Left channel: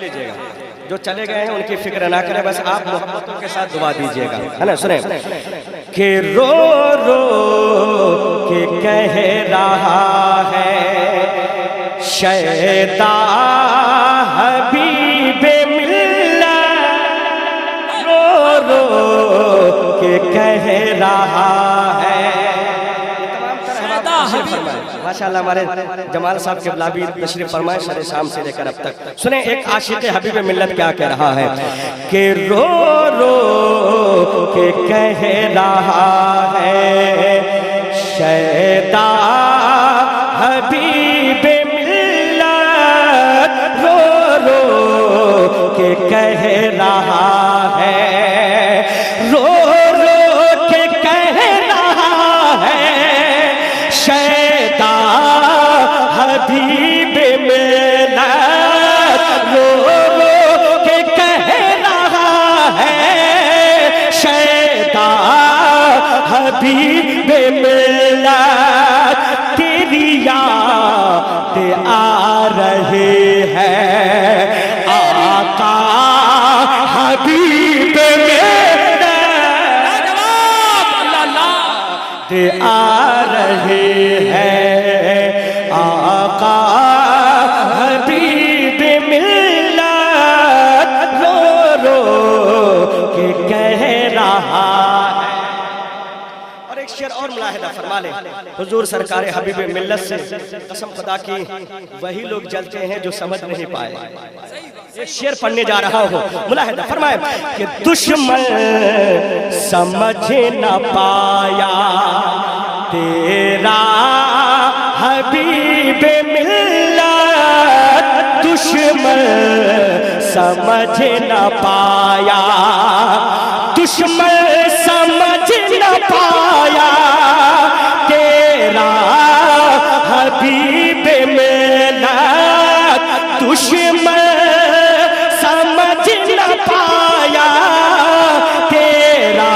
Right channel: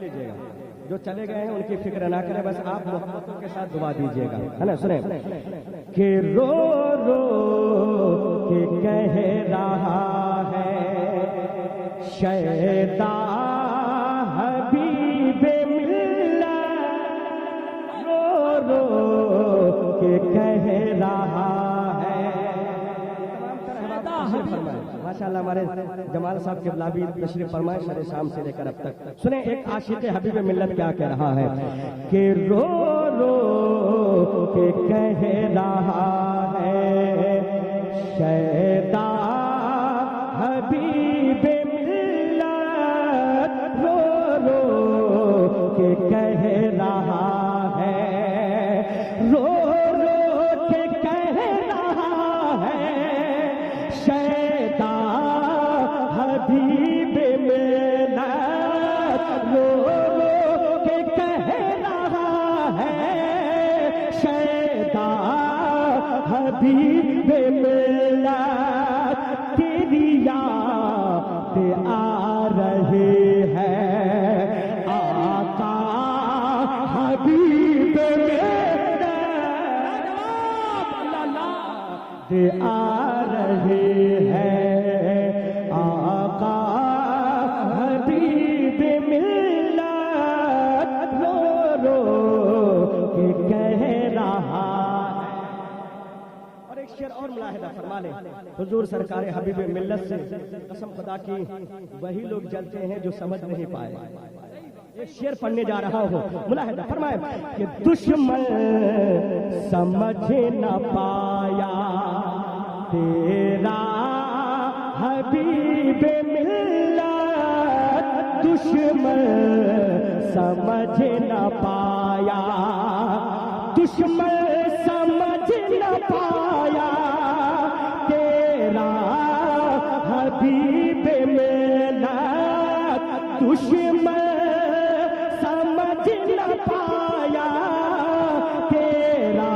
لیجئے گا، جو چلے گئے ہیں ان کی فکر نہ کریں، بس آپ محبتوں کے ساتھ دعا دیجئے گا، ہے نا؟ سنیں کہ رو رو کے کہہ رہا ہے شیدا حبیب ملت، رو رو کے کہہ رہا ہے۔ ماشاءاللہ ہمارے جمال صاحب کے بلابی تشریف فرمائے شرح شام سے لے کر اب تک۔ سنیں ایک عاشق حبیب ملت کیا کہہ رہا ہے کہ رو رو کے کہہ رہا ہے شیدا حبیب ملت، رو رو کے کہہ رہا ہے، رو رو کے کہہ رہا ہے شیدا حبیب ملت، رو رو کے کہہ رہا ہے شیدا حبیب ملت، تیری یاد آ رہی ہے آقا حبیب ملت، آ رہی ہے آقا حبیب ملت، رو رو کے کہہ رہا ہے۔ اور ایک شعر اور ملاحظہ فرما لیں، حضور سرکار حبیب ملت سے قسم خدا کی وہی لوگ جلتے ہیں جو سمجھ نہیں پائے۔ ایک شعر پڑھنے جا رہا ہوں، ملاحظہ فرمائے کہ دشمن سمجھ نہ پایا تیرا حبیب ملت، دشمن سمجھ نہ پایا، دشمن سمجھ نہ پایا تیرا حبیب ملت، دشمن سمجھ نہ پایا تیرا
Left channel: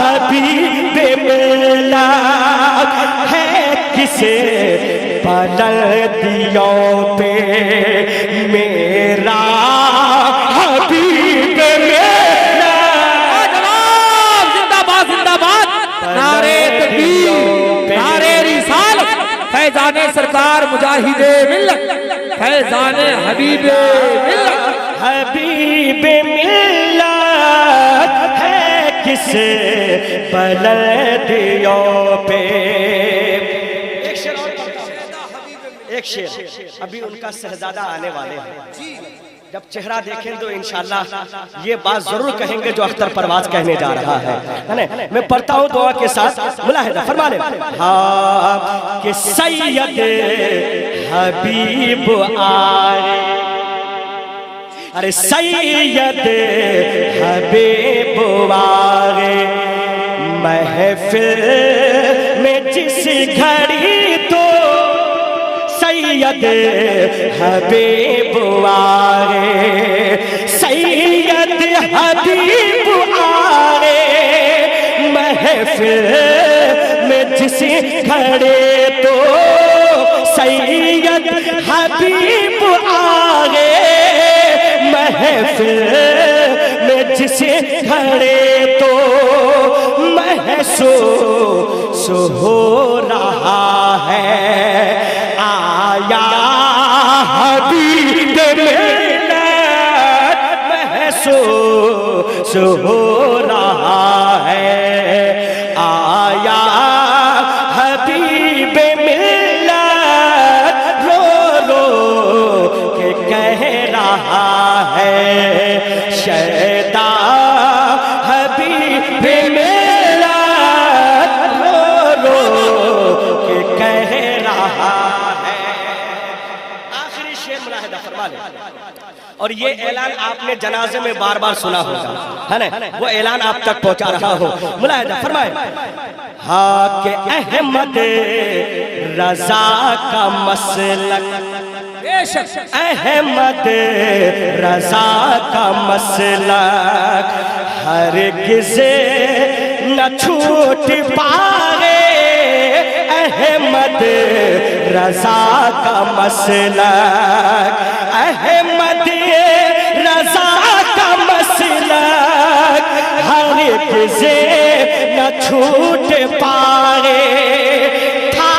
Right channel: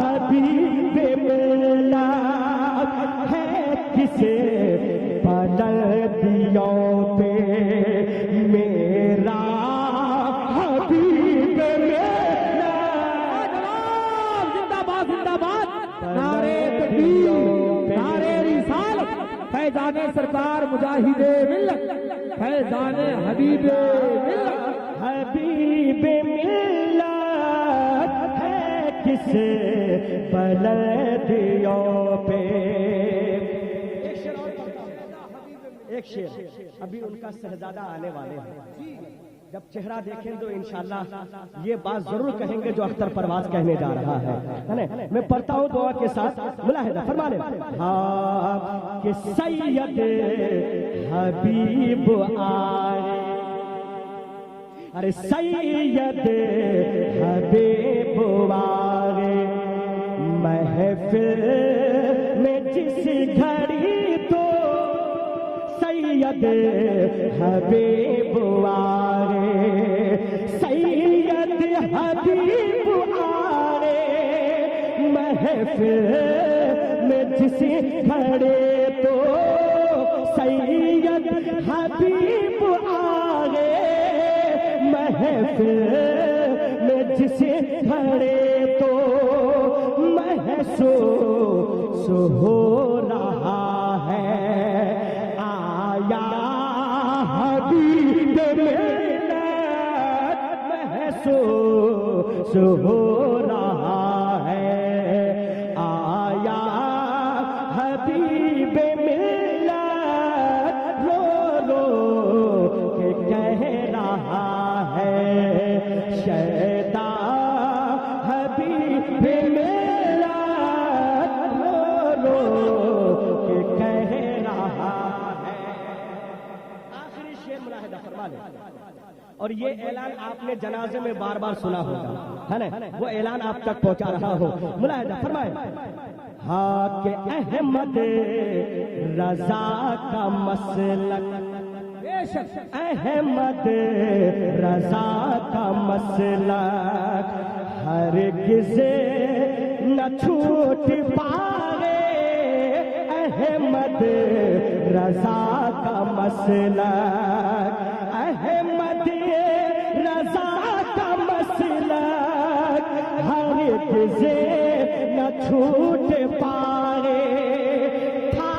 حبیب ملت، ہے کسے بلندیوں پہ میرا حبیب ملت، زندہ باد زندہ باد، نعرے تکبیر، نعرے رسالت، فیضان سرکار مجاہد ملت، فیضان حبیب ملت، حبیب ملت ہے کسے بلندیوں پہ۔ ایک شعر ابھی ان کا شہزادہ آنے والے ہیں، جب چہرہ دیکھیں تو انشاءاللہ یہ بات ضرور کہیں گے جو اختر پرواز کہنے جا رہا ہے۔ میں پڑھتا ہوں دعا کے ساتھ، ملاحظہ فرما لیں، ہاں کہ سید حبیب آئے، ارے سید حبیب آئے محفل میں جس گھڑی تو سید حبیب آئے، سید حبیب آئے محفل میں جس گھڑی تو سید حبیب آئے محفل میں جس گھڑی تو محسوس ہو رہا ہے آیا حبیب ملت، محسوس ہو رہا ہے آیا حبیب ملت، رو رو کے کہہ رہا ہے شیدا حبیب ملت، رو رو کے کہہ رہا ہے۔ آخری شعر ملاحظہ فرما لیں، اور یہ اعلان آپ نے جنازے میں بار بار سنا ہوگا، ہے نا؟ وہ اعلان آپ تک پہنچا رہا ہو، ملاحظہ فرمائیں، ہاں کہ احمد رضا کا مسلک، احمد رضا کا مسلک ہرگز نہ چھوٹ پائے، احمد رضا کا مسلک، احمد سے نہ چھوٹ پائے تھا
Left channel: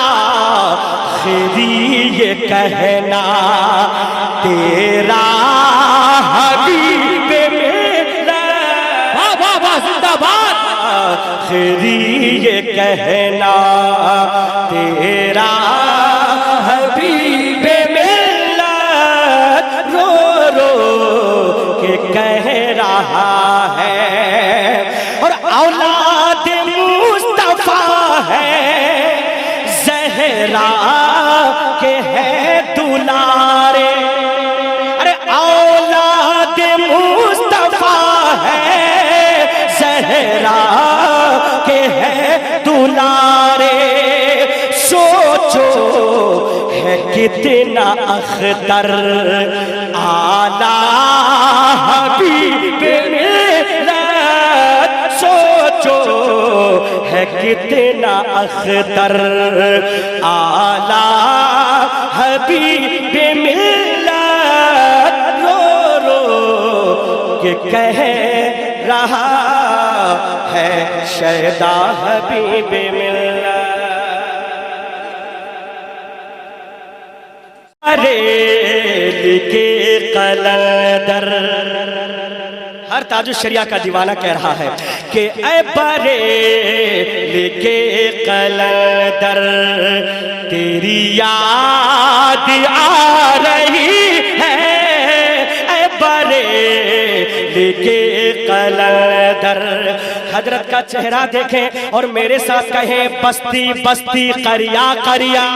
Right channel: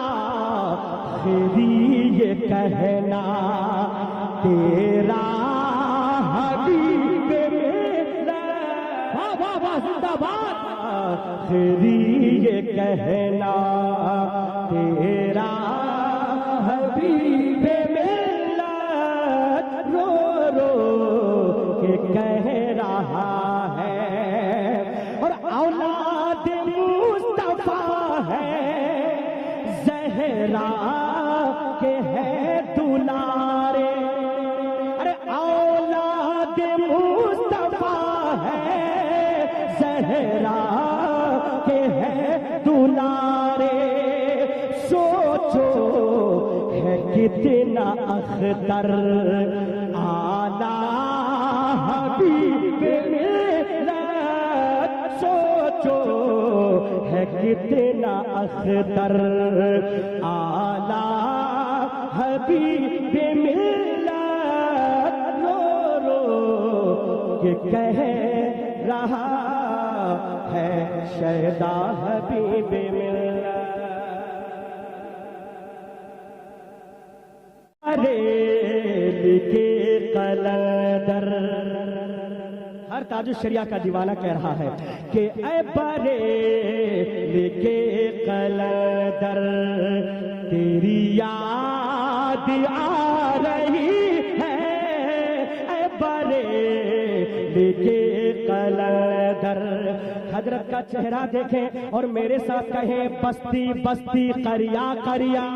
آخری یہ کہنا تیرا حبیب میرا واہ واہ واہ زندہ باد آخری یہ کہنا تیرا حبیب ملت رو رو کے کہہ رہا ہے اور اولاد مصطفیٰ ہے زہرا کے ہے دلارے ارے اولاد مصطفیٰ ہے زہرا کے ہے دلارے سوچو ہے کتنا اختر اعلیٰ حبیب ملت سوچو ہے کتنا اختر اعلیٰ حبیب ملت رو رو کہ کہہ رہا ہے شیدا حبیب ملت بریلی کے قلندر ہر تاج الشریعہ کا دیوانہ کہہ رہا ہے کہ اے بریلی کے قلندر تیری یاد آ رہی ہے اے بریلی کے قلندر حضرت کا چہرہ دیکھیں اور میرے ساتھ کہیں بستی بستی قریہ قریہ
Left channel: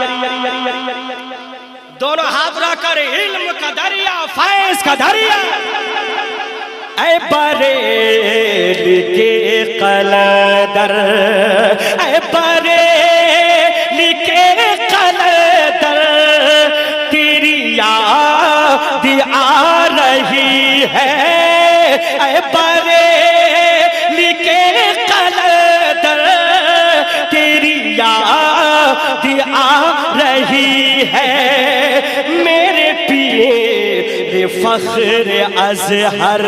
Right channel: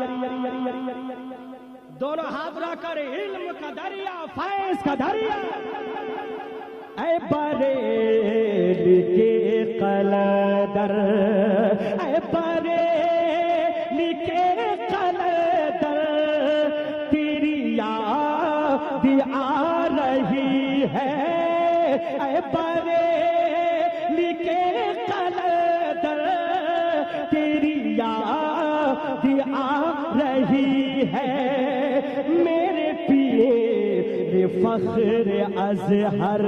دونوں ہاتھ اٹھا کر علم کا دریا فیض کا دریا اے بریلی کے قلندر اے بریلی کے قلندر تیری یاد آ رہی ہے اے بریلی کے قلندر تیری یاد آ رہی ہے میرے پیر فخر ازہر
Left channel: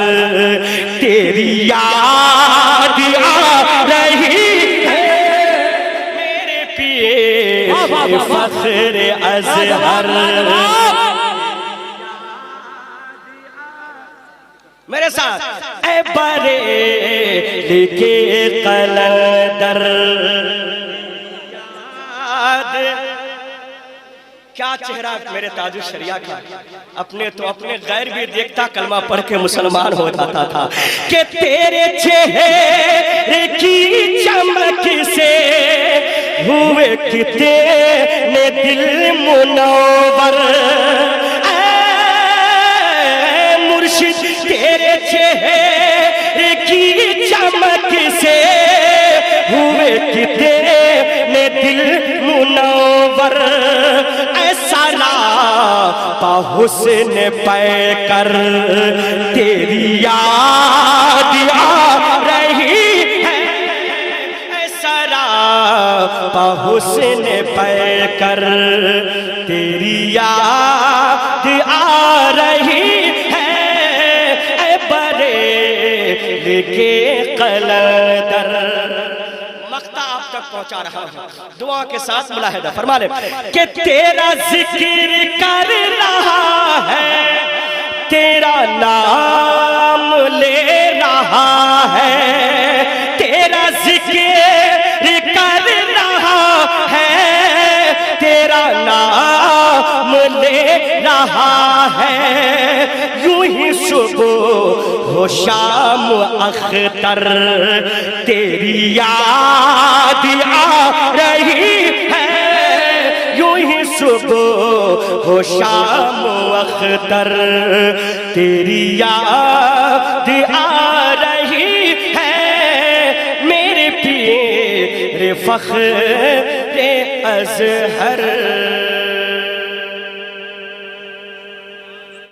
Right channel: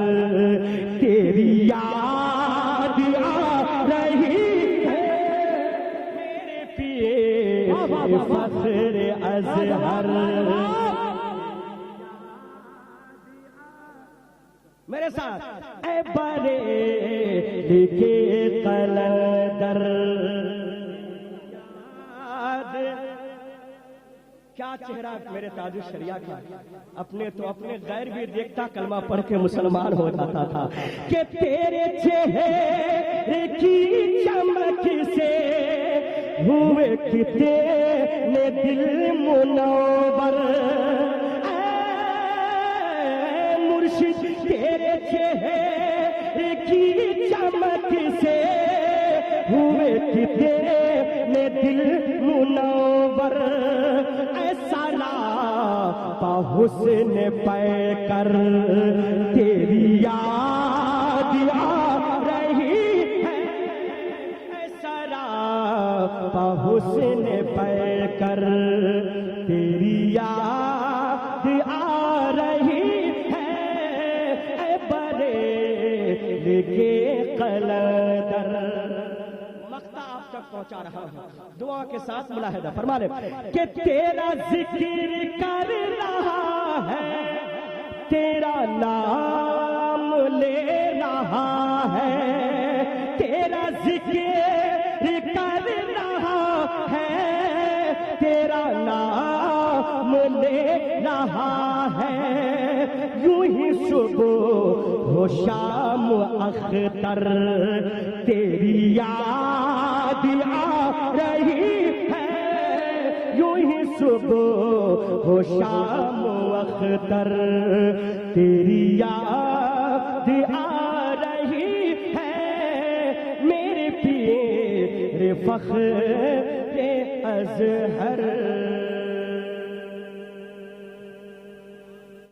تیری یاد آ رہی ہے میرے پیر فخر ازہر میرے ساتھ اے بریلی کے قلندر کیا چہرہ میرے تاج الشریعہ کا اپنے تو اپنے غیر بھی دیکھتا کلمہ پڑھ کے مسلمان ہو جاتا تھا کہ تیرے چہرے کی چمک سے ہوئے کتنے دل منور اے مرشد تیرے چہرے کی چمک سے ہوئے کتنے دل منور حسن پے کر تیری یاد آ رہی ہے اے سراپا حسن پے کر تیری یاد آ رہی ہے اے بریلی کے قلندر پہنچا رہا ہوں دعا کے ساتھ ملاحظہ فرما لے کہ تیرا ذکر کر رہا ہے تیرا نام لے رہا ہے تیرا ذکر کر رہا ہے تیرا نام لے رہا ہے یوں ہی صبح ہو شام اختر تیری یاد آ رہی ہے یوں ہی صبح ہو شام اختر تیری یاد آ رہی ہے میرے پیر فخر ازہر